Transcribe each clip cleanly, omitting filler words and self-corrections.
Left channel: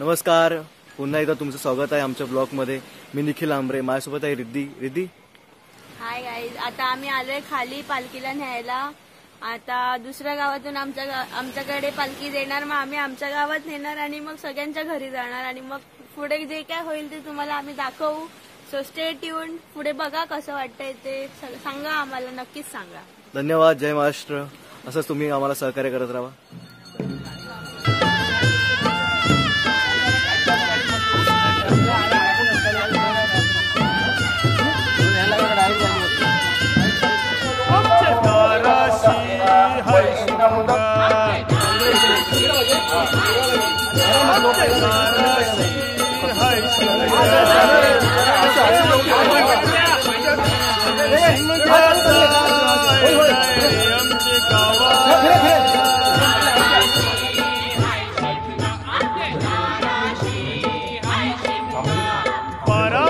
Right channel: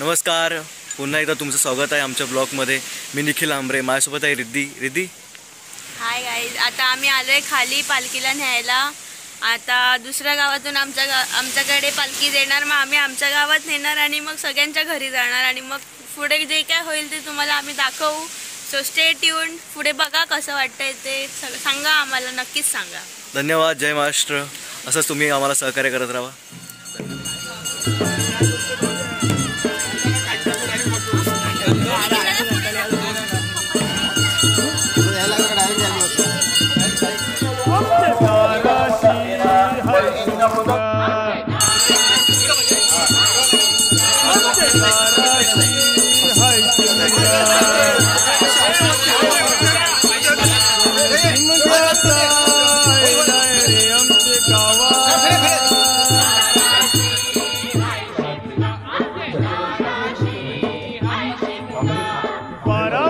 नमस्कार, पुन्हा एकदा तुमचं स्वागत आहे आमच्या ब्लॉगमध्ये। मी निखिल आंबरे, माझ्यासोबत आहे रिद्धी। हाय गाईज, आता आम्ही आलोय खाली पालखीला न्यायला। आता दुसऱ्या गावातून आमच्याकडे पालखी देणार, मग आम्ही आमच्या गावात नेणार आणि मग सगळ्यांच्या घरी जाणार आणि मग पुढे जे काय होईल ते तुम्हाला आम्ही दाखवू। सो स्टे ट्यून, पुढे बघा कसं वाटतंय ते सांगा आम्हाला, नक्कीच सांगा। धन्यवाद, जय महाराष्ट्र। असंच तुम्ही आम्हाला सहकार्य करत राहा।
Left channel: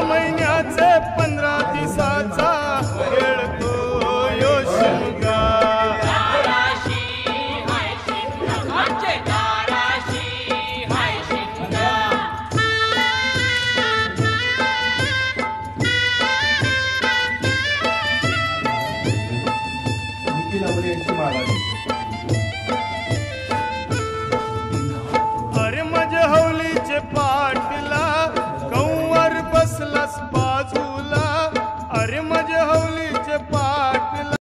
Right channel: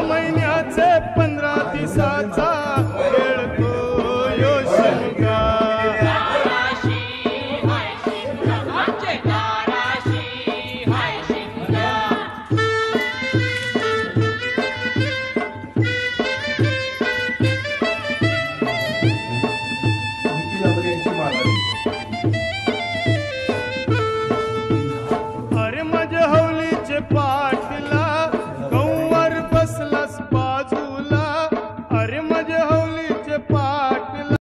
महिन्याचे 15 दिवसाचा खेळतो यो शिमगा। अरे माझ्या हवलीचे पा